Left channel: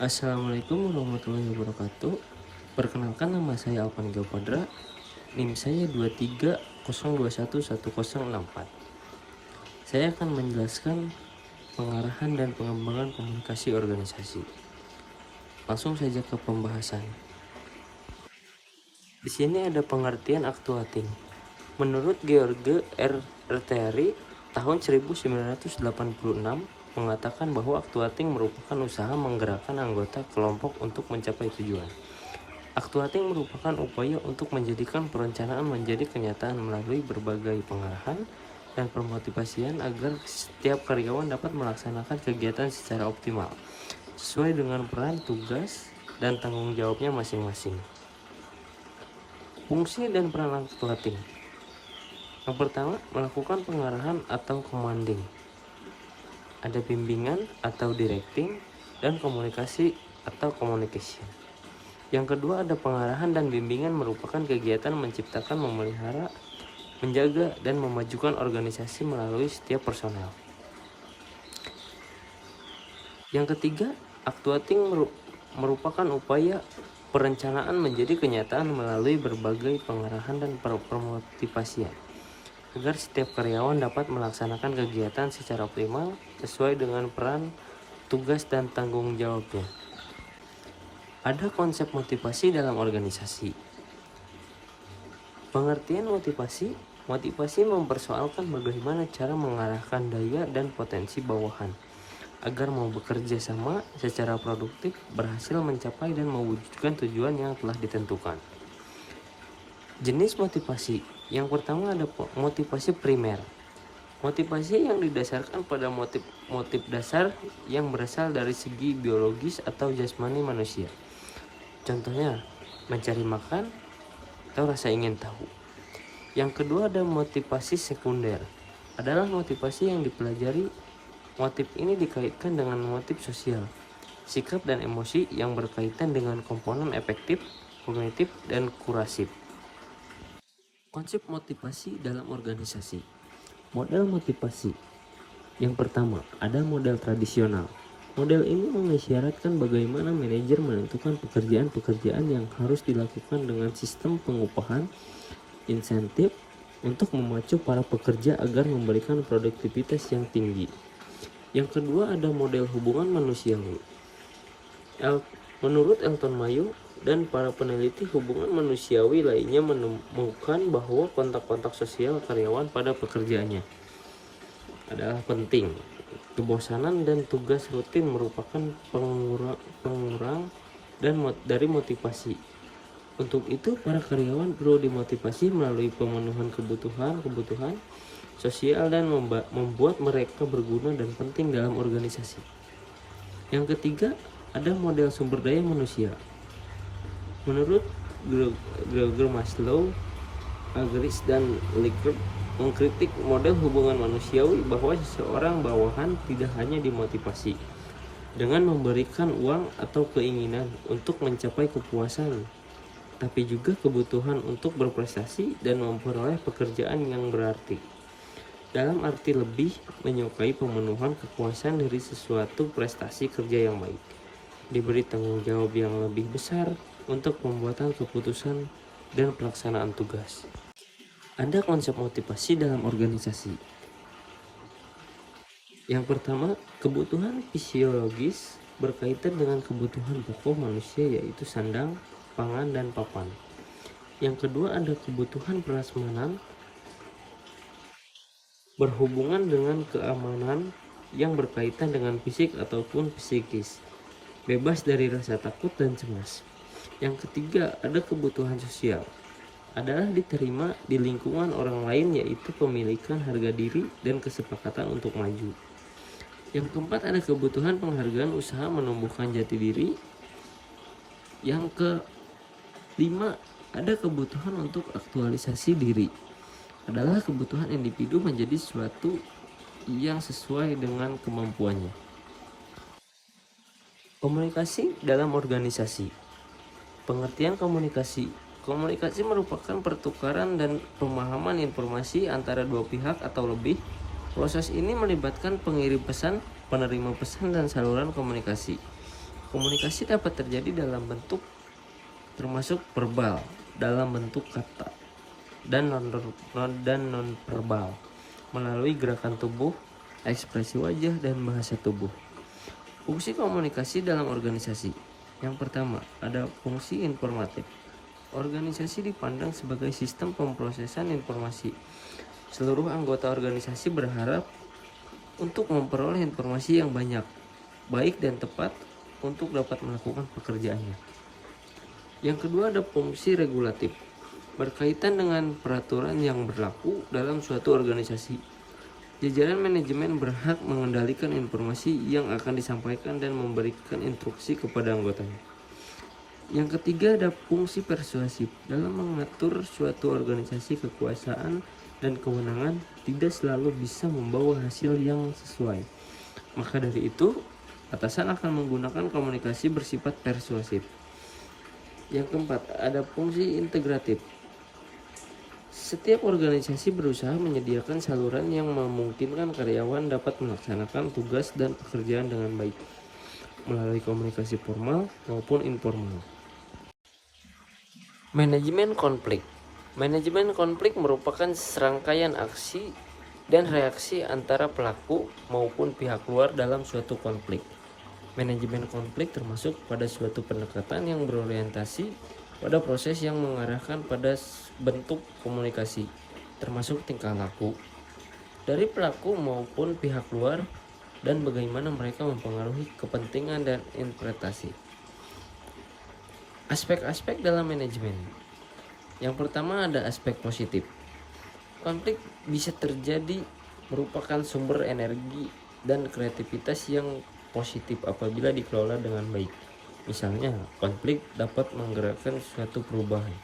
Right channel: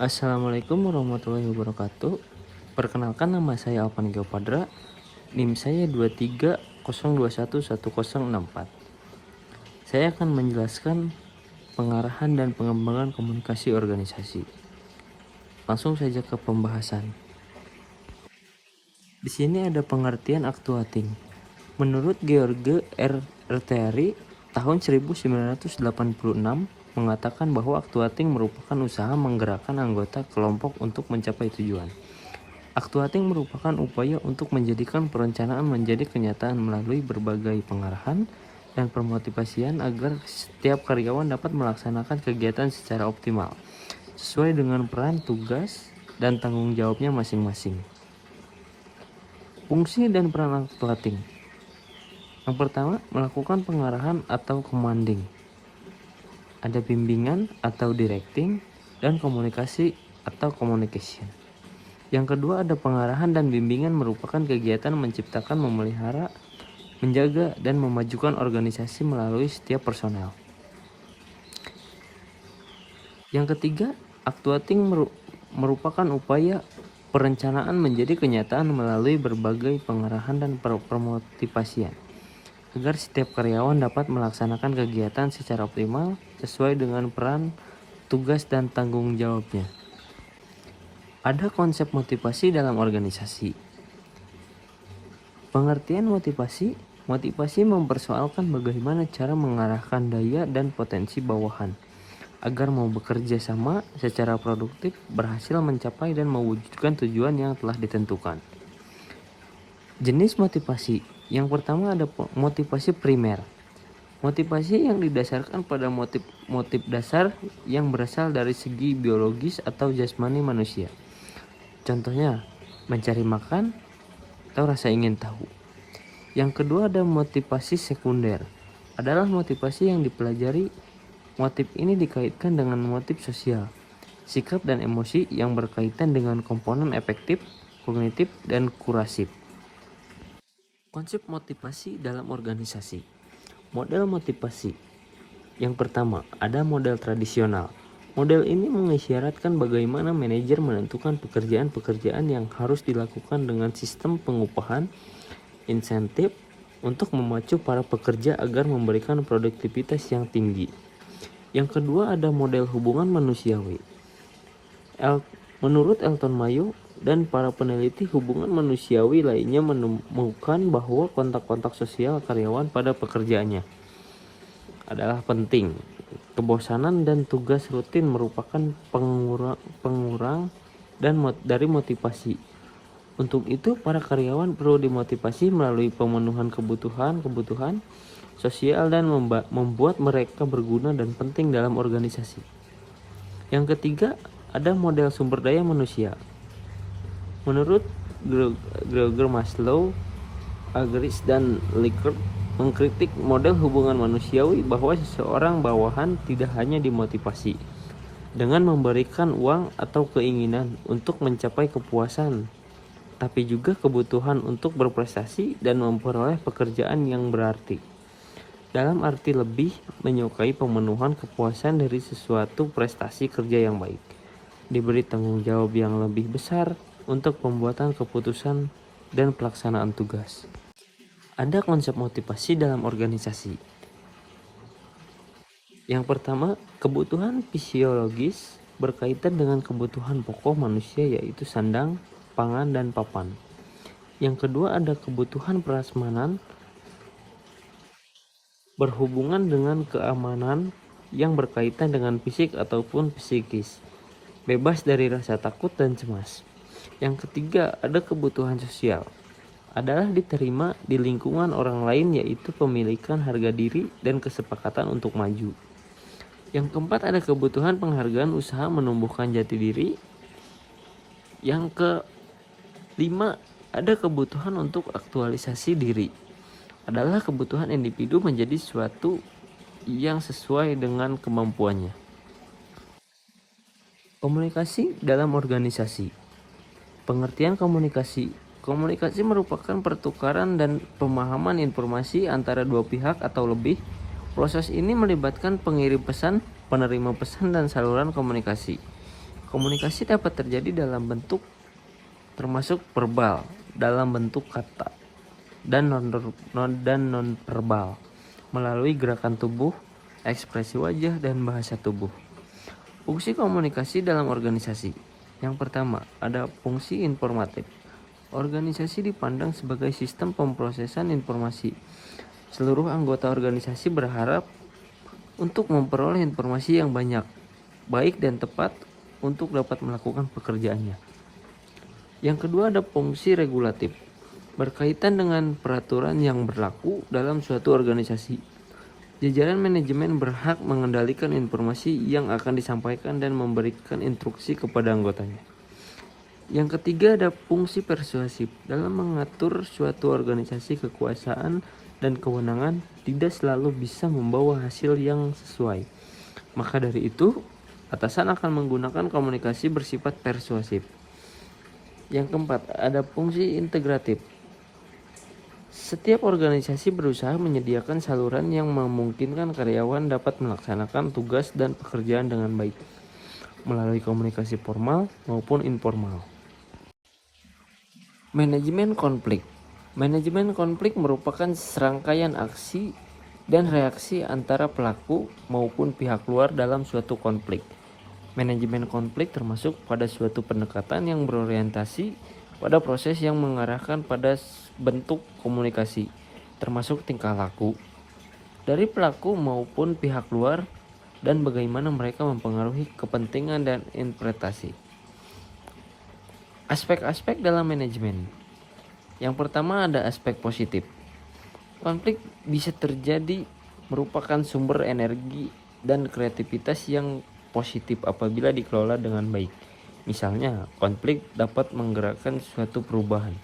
Assalamualaikum warahmatullahi wabarakatuh. Perkenalkan, nama saya Alvan Geopadra. NIM saya 2302110064. Saya akan menjelaskan pengarahan dan pengembangan komunikasi organisasi. Langsung saja ke pembahasan. Di sini ada pengertian actuating. Menurut George R. Retieri tahun 1986 mengatakan bahwa actuating merupakan usaha menggerakkan anggota kelompok untuk mencapai tujuan. Actuating merupakan upaya untuk menjadikan perencanaan menjadi kenyataan melalui berbagai pengarahan dan pemotivasian agar setiap karyawan dapat melaksanakan kegiatan secara optimal, sesuai dengan peran, tugas, dan tanggung jawabnya masing-masing. Fungsi dan peran actuating. Yang pertama, melakukan pengarahan atau commanding. Ada bimbingan atau directing, dan komunikasi atau communication. Yang kedua, ada pengarahan dan bimbingan merupakan kegiatan menciptakan, memelihara, menjaga, dan memajukan organisasi melalui setiap personel. Yang ketiga, actuating merupakan upaya perencanaan menjadi kenyataan melalui berbagai pengarahan dan permotivasian agar setiap karyawan dapat melaksanakan kegiatan secara optimal sesuai dengan peran, tugas, dan tanggung jawabnya. Ada konsep motivasi dalam organisasi. Pengertian motivasi mempersoalkan bagaimana cara mengarahkan daya dan potensi bawahan agar mau bekerja sama secara produktif, berhasil mencapai dan mewujudkan tujuan yang telah ditentukan. Jenis motivasi. Yang pertama ada motivasi primer. Motivasi yang didasarkan pada motif dasar yang berasal dari segi biologis atau jasmani manusia. Contohnya, mencari makan atau rasa ingin tahu. Yang kedua ada motivasi sekunder. Adalah motivasi yang dipelajari. Motif ini dikaitkan dengan motif sosial, sikap dan emosi yang berkaitan dengan komponen efektif, kognitif, dan kurasif. Konsep motivasi dalam organisasi. Model motivasi. Yang pertama, ada model tradisional. Model ini mengisyaratkan bagaimana manajer menentukan pekerjaan-pekerjaan yang harus dilakukan dengan sistem pengupahan, insentif, untuk memacu para pekerja agar memberikan produktivitas yang tinggi. Yang kedua ada model hubungan manusiawi. Menurut Elton Mayo dan para peneliti hubungan manusiawi lainnya menemukan bahwa kontak-kontak sosial karyawan pada pekerjaannya adalah penting. Kebosanan dan tugas rutin merupakan pengurang dari motivasi. Untuk itu, para karyawan perlu dimotivasi melalui pemenuhan kebutuhan sosial dan membuat mereka berguna dan penting dalam organisasi. Yang ketiga, ada model sumber daya manusia. Menurut Gregor Maslow, Agris, dan Likert mengkritik model hubungan manusiawi bahwa seseorang bawahan tidak hanya dimotivasi dengan memberikan uang atau keinginan untuk mencapai kepuasan, tapi juga kebutuhan untuk berprestasi dan memperoleh pekerjaan yang berarti. Dalam arti lebih menyukai pemenuhan kepuasan dari sesuatu prestasi kerja yang baik, diberi tanggung jawab yang lebih besar untuk pembuatan keputusan dan pelaksanaan tugas. Ada konsep motivasi dalam organisasi. Yang pertama, kebutuhan fisiologis berkaitan dengan kebutuhan pokok manusia yaitu sandang, pangan, dan papan. Yang kedua ada kebutuhan prasmanan berhubungan dengan keamanan yang berkaitan dengan fisik ataupun psikis, bebas dari rasa takut dan cemas. Yang ketiga ada kebutuhan sosial, adalah diterima di lingkungan orang lain yaitu pemilikan harga diri dan kesepakatan untuk maju. Yang keempat ada kebutuhan penghargaan usaha menumbuhkan jati diri. Yang kelima ada kebutuhan untuk aktualisasi diri, adalah kebutuhan individu menjadi sesuatu yang sesuai dengan kemampuannya. Komunikasi dalam organisasi. Pengertian komunikasi. Komunikasi merupakan pertukaran dan pemahaman informasi antara dua pihak atau lebih. Proses ini melibatkan pengirim pesan, penerima pesan, dan saluran komunikasi. Komunikasi dapat terjadi dalam bentuk termasuk verbal, dalam bentuk kata, dan non-verbal, melalui gerakan tubuh, ekspresi wajah, dan bahasa tubuh. Fungsi komunikasi dalam organisasi. Yang pertama, ada fungsi informatif. Organisasi dipandang sebagai sistem pemrosesan informasi. Seluruh anggota organisasi berharap untuk memperoleh informasi yang banyak, baik dan tepat untuk dapat melakukan pekerjaannya. Yang kedua, ada fungsi regulatif. Berkaitan dengan peraturan yang berlaku dalam suatu organisasi. Jajaran manajemen berhak mengendalikan informasi yang akan disampaikan dan memberikan instruksi kepada anggotanya. Yang ketiga, ada fungsi persuasif. Dalam mengatur suatu organisasi, kekuasaan dan kewenangan tidak selalu bisa membawa hasil yang sesuai. Maka dari itu, atasan akan menggunakan komunikasi bersifat persuasif. Yang keempat, ada fungsi integratif. Setiap organisasi berusaha menyediakan saluran yang memungkinkan karyawan dapat melaksanakan tugas dan pekerjaan dengan baik, melalui komunikasi formal maupun informal. Manajemen konflik. Manajemen konflik merupakan serangkaian aksi dan reaksi antara pelaku maupun pihak luar dalam suatu konflik. Manajemen konflik termasuk pada suatu pendekatan yang berorientasi pada proses yang mengarahkan pada bentuk komunikasi, termasuk tingkah laku dari pelaku maupun pihak luar dan bagaimana mereka mempengaruhi kepentingan dan interpretasi. Aspek-aspek dalam manajemen. Yang pertama, ada aspek positif. Konflik bisa terjadi merupakan sumber energi dan kreativitas yang positif apabila dikelola dengan baik. Misalnya, konflik dapat menggerakkan suatu perubahan.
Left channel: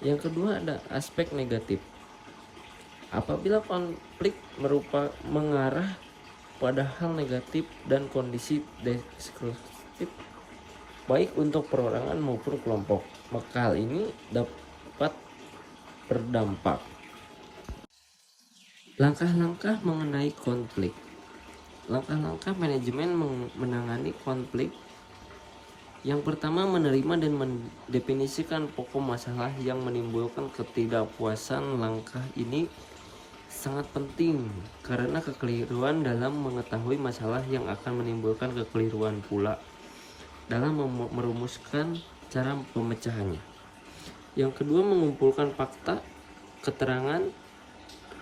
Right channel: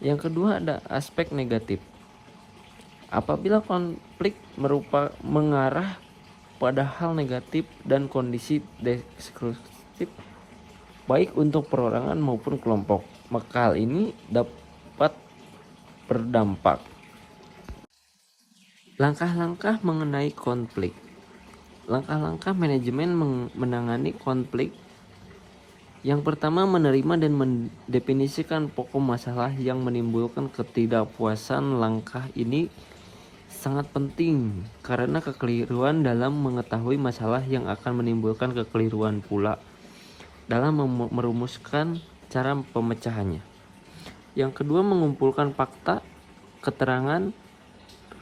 Yang kedua, ada aspek negatif. Apabila konflik mengarah pada hal negatif dan kondisi destruktif, baik untuk perorangan maupun kelompok, maka hal ini dapat berdampak. Langkah-langkah mengenai konflik. Langkah-langkah manajemen menangani konflik. Yang pertama, menerima dan mendefinisikan pokok masalah yang menimbulkan ketidakpuasan. Langkah ini sangat penting karena kekeliruan dalam mengetahui masalah yang akan menimbulkan kekeliruan pula dalam merumuskan cara pemecahannya. Yang kedua, mengumpulkan fakta, keterangan.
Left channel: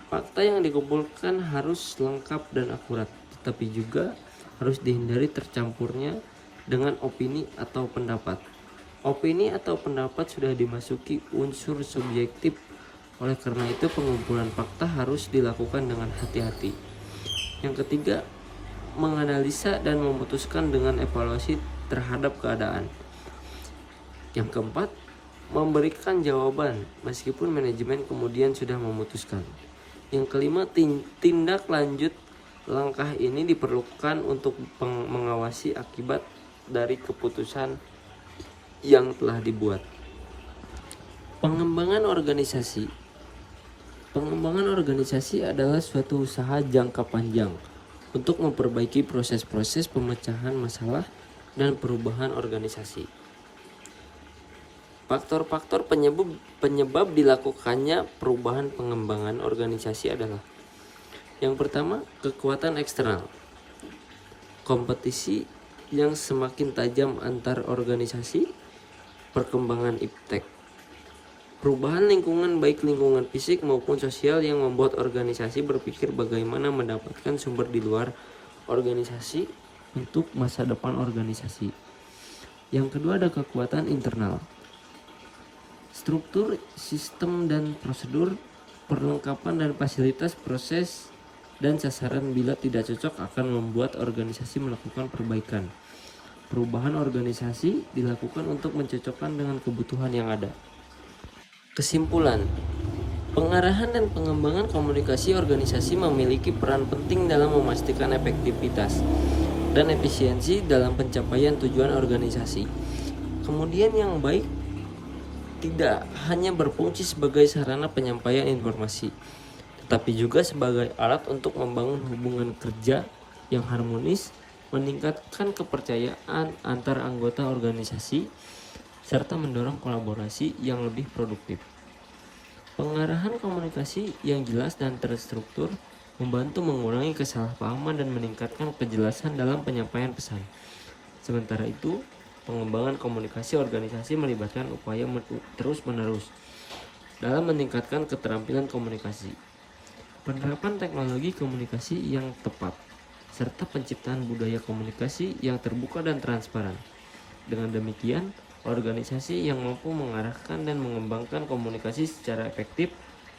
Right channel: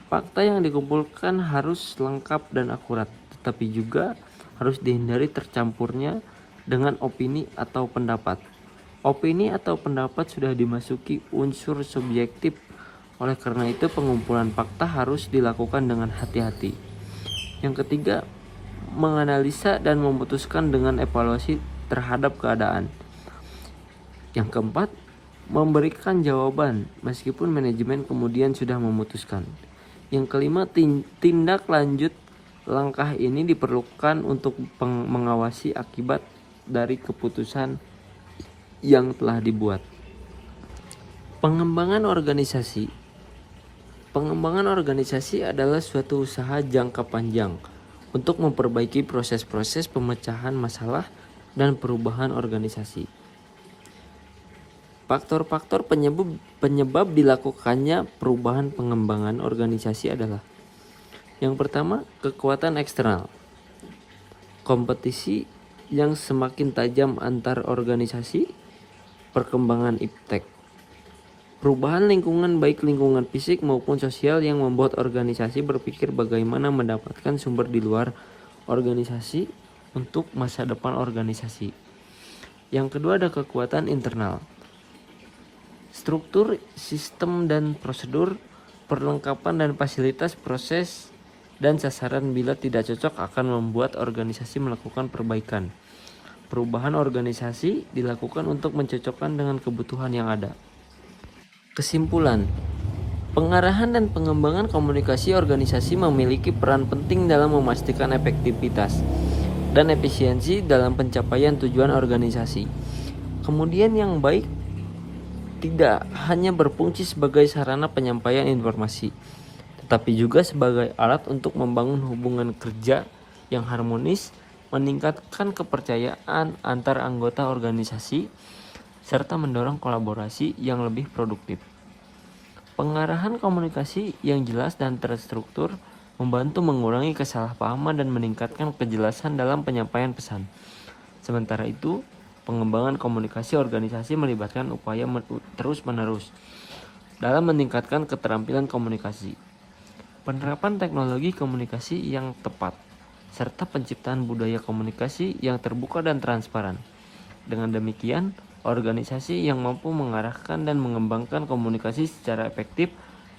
Fakta yang dikumpulkan harus lengkap dan akurat, tetapi juga harus dihindari tercampurnya dengan opini atau pendapat. Opini atau pendapat sudah dimasuki unsur subjektif. Oleh karena itu, pengumpulan fakta harus dilakukan dengan hati-hati. Yang ketiga, menganalisa dan memutuskan dengan evaluasi terhadap keadaan. Yang keempat, memberikan jawaban meskipun manajemen kemudian sudah memutuskan. Yang kelima, tindak lanjut. Langkah ini diperlukan untuk mengawasi akibat dari keputusan yang telah dibuat. Pengembangan organisasi. Pengembangan organisasi adalah suatu usaha jangka panjang untuk memperbaiki proses-proses pemecahan masalah dan perubahan organisasi. Faktor-faktor penyebab dilakukannya perubahan pengembangan organisasi adalah: yang pertama, kekuatan eksternal. Kompetisi yang semakin tajam antar organisasi, perkembangan iptek, perubahan lingkungan baik lingkungan fisik maupun sosial yang membuat organisasi berpikir bagaimana mendapatkan sumber di luar organisasi untuk masa depan organisasi. Yang kedua, ada kekuatan internal. Struktur, sistem dan prosedur, perlengkapan dan fasilitas proses dan sasaran bila tidak cocok akan membuat organisasi melakukan perbaikan. Perubahan organisasi dilakukan untuk mencocokkan dengan kebutuhan yang ada. Kesimpulan, pengarahan dan pengembangan komunikasi organisasi memiliki peran penting dalam memastikan efektivitas dan efisiensi dalam pencapaian tujuan organisasi. Kemudian yang baik tidak hanya berfungsi sebagai sarana penyampaian informasi, tetapi juga sebagai alat untuk membangun hubungan kerja yang harmonis meningkatkan kepercayaan antar anggota organisasi, serta mendorong kolaborasi yang lebih produktif. Pengarahan komunikasi yang jelas dan terstruktur membantu mengurangi kesalahpahaman dan meningkatkan kejelasan dalam penyampaian pesan. Sementara itu, pengembangan komunikasi organisasi melibatkan upaya terus-menerus dalam meningkatkan keterampilan komunikasi, penerapan teknologi komunikasi yang tepat, serta penciptaan budaya komunikasi yang terbuka dan transparan. Dengan demikian, organisasi yang mampu mengarahkan dan mengembangkan komunikasi secara efektif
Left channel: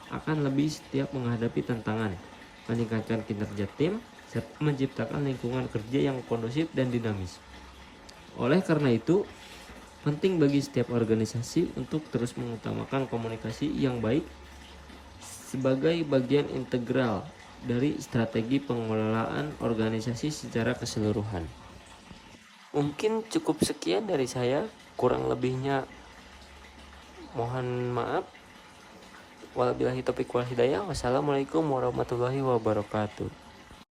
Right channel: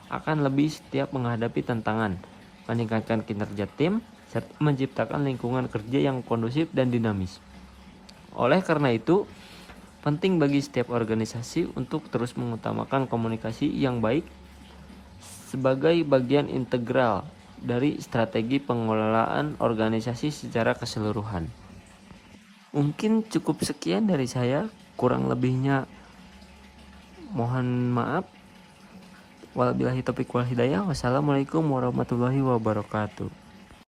akan lebih siap menghadapi tantangan, meningkatkan kinerja tim, serta menciptakan lingkungan kerja yang kondusif dan dinamis. Oleh karena itu, penting bagi setiap organisasi untuk terus mengutamakan komunikasi yang baik sebagai bagian integral dari strategi pengelolaan organisasi secara keseluruhan. Mungkin cukup sekian dari saya, kurang lebihnya mohon maaf. Wabillahi taufiq wal hidayah. Wassalamualaikum warahmatullahi wabarakatuh.